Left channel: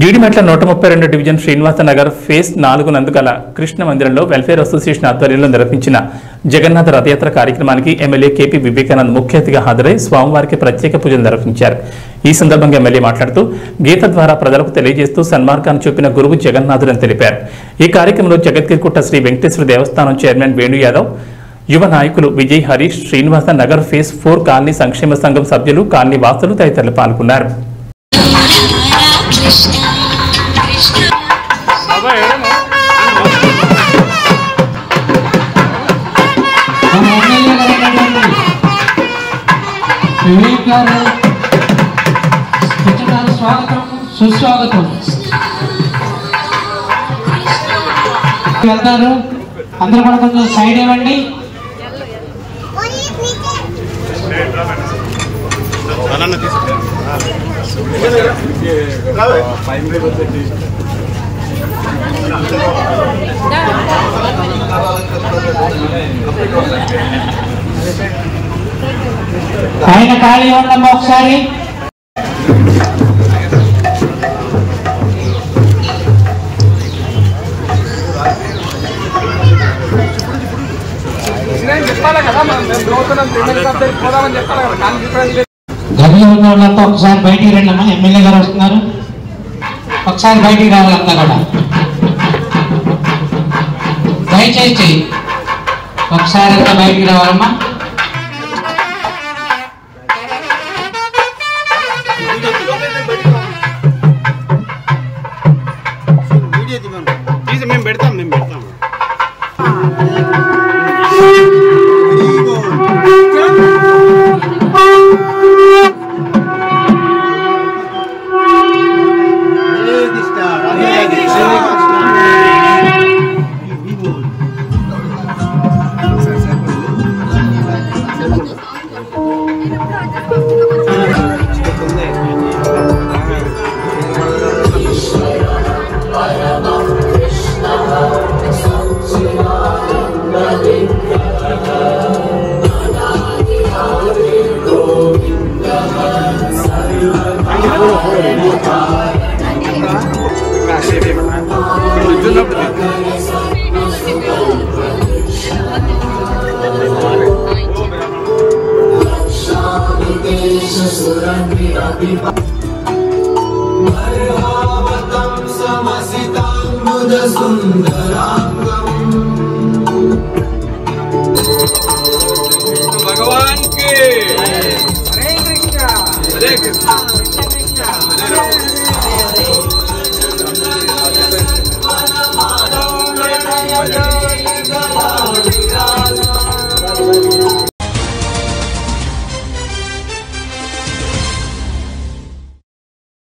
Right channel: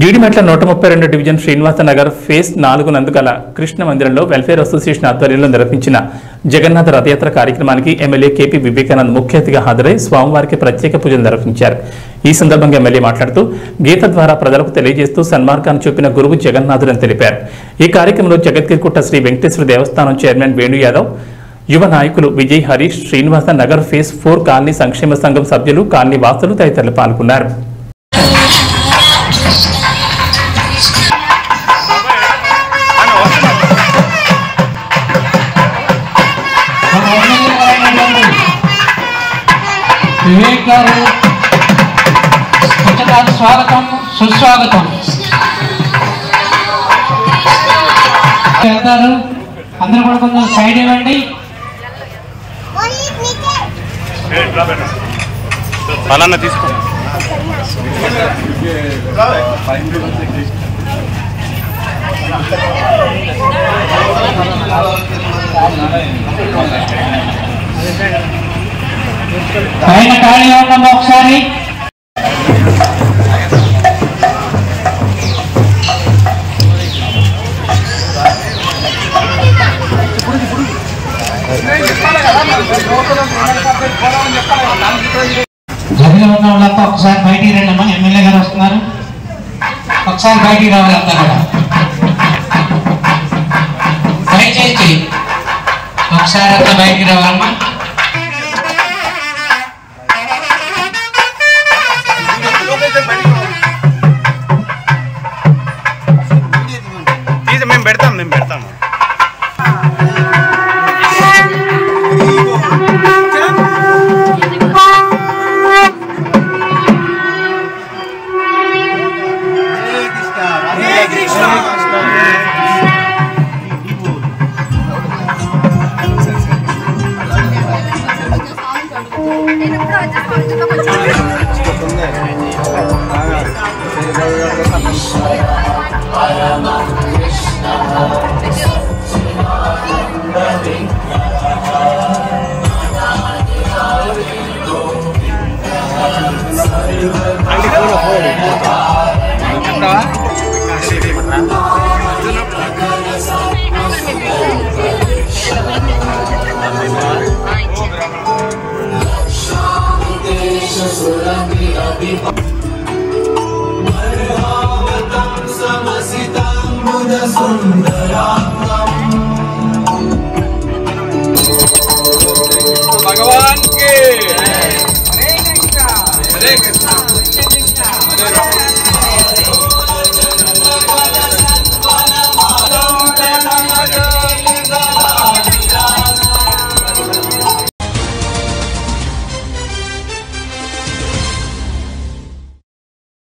Jeedimetla 132 division Srinivasa Nagar phase 4 నందుగల Krishna మందిరంలో welfare association ఆధ్వర్యంలో నిర్వహించిన జగన్నాథ రథయాత్ర కార్యక్రమానికి ఎమ్మెల్యే కేపీ వివేకానంద్ ముఖ్య అతిథిగా హాజరై స్వామివారికి ప్రత్యేక పూజలు నిర్వహించారు. ఈ సందర్భంగా ఎమ్మెల్యే మాట్లాడుతూ గీత ద్వారా ప్రజలకు తెలియజేస్తూ సన్మార్గాన్ని చూపిన గురువు జగన్నాథుడని తెలిపారు. ఈ కార్యక్రమంలో జగద్గిరిగుట్ట శ్రీ వెంకటేశ్వర దేవస్థానం చైర్మన్ వేణు యాదవ్, యువ నాయకులు విజయ్ హరీష్, శ్రీనివాస నగర్ ఫేజ్ 4 కాలనీ సంక్షేమ సంఘం సభ్యులు, కాలనీ వాసులు తదితరులు పాల్గొన్నారు. స్వాగతం సుస్వాగతం. వెళ్తారు, అందరూ కూడా కొంచెం సైడ్ ఇవ్వండి. పైన ఖాళీ ఉన్నాము ఒకసారి. జగన్ ఉన్న వాళ్ళంతా ఒకసారి బయటికి రండి అమ్మా. ఎమ్మెల్యే గారు వస్తున్నారు, ఒకసారి బయటికి రావాలంతా కూడా. దయచేసి ఒకసారి అంతా బయటికి రావాలమ్మా. మేము పెడతాము. भगवान के हरे कृष्णा हरे कृष्णा।